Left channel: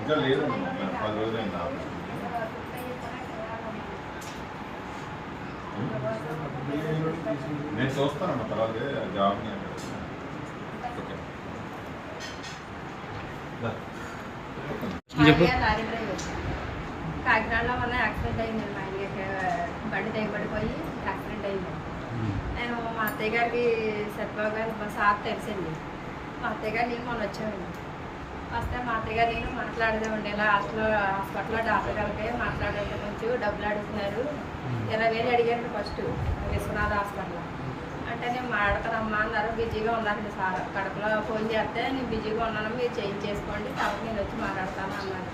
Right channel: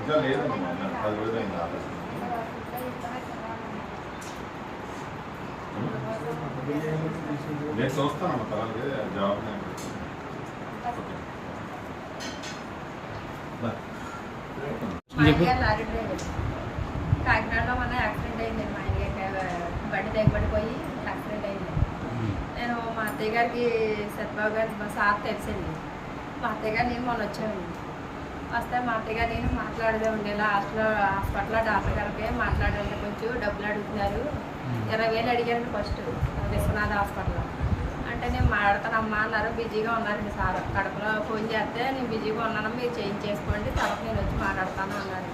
ఇంకా లేదమ్మా 10 రోజులైంది. నేను చూస్తానమ్మా తర్వాత జాబ్. లారీ డ్రైవర్ కాకినాడలో మొన్న యాక్సిడెంట్ అయిందండి. మా ఆయన బండి తెగబడిపోయి యాక్సిడెంట్ అయింది. నేను మా అత్తయ్య గారికి సత్యబాబు గారి మా సార్ తెలిసింది. మా అత్తయ్య గారు నేను మొన్న వచ్చామండి. వస్తే మా అత్తయ్య గారు నేను మాట్లాడదామండి, ఇలా హాస్పిటల్లో డాక్టర్ గారికి మాట్లాడండి, కొంచెం డబ్బులు అడుగుతున్నారు, 20,000 అడిగారండి ఫస్ట్ విశ్వనాథ హాస్పిటల్లో. అంటే నేను మాట్లాడతానమ్మా అన్నారు. బిజీగా ఉన్నారండి సార్. కడపలో ఫోన్ చేస్తే నేను బిజీగా ఉన్నాను, మీరు చేయించేసుకోండి, తర్వాత నేను వచ్చి మాట్లాడతాను అన్నారు.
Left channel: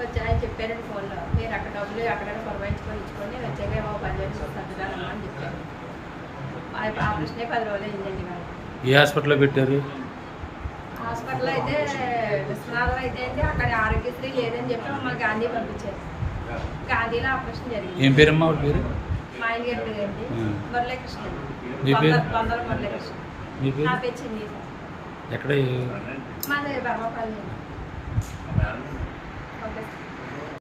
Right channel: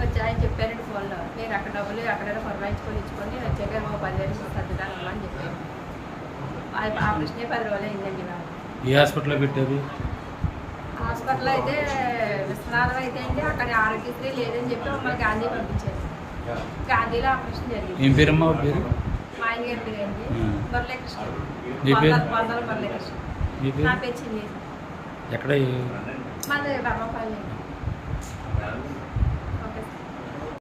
వచ్చి ఆయన చెప్పారండి ఫోన్లో, మీరు అక్కడ డబ్బులు ఎక్కడైనా పురమాయించుకొని ఇచ్చుకోండి, నేను వచ్చాక 10,000 సర్దుతానమ్మా అని చెప్పాను. ఆపరేషన్ 10 రోజులు అయిందండి. వాళ్ళు ఏ హాస్పిటల్లో పెట్టారు? హాస్పిటల్ అయితే విశ్వనాథం అయితే అండి, అక్కడ ఆరోగ్యశ్రీ లేదని చెప్పి మమ్మల్ని గాంధీ పంపించారు. గాంధీలో ఆపరేషన్ జరిగింది. ఏం పేరమ్మా వాడి పేరు? మా ఆయన గారి పేరు అండి మురళీకృష్ణ. బొందల మురళీకృష్ణ. నా పేరు చిన్ని. ఎక్కడ? మాది బర్మపల్లి.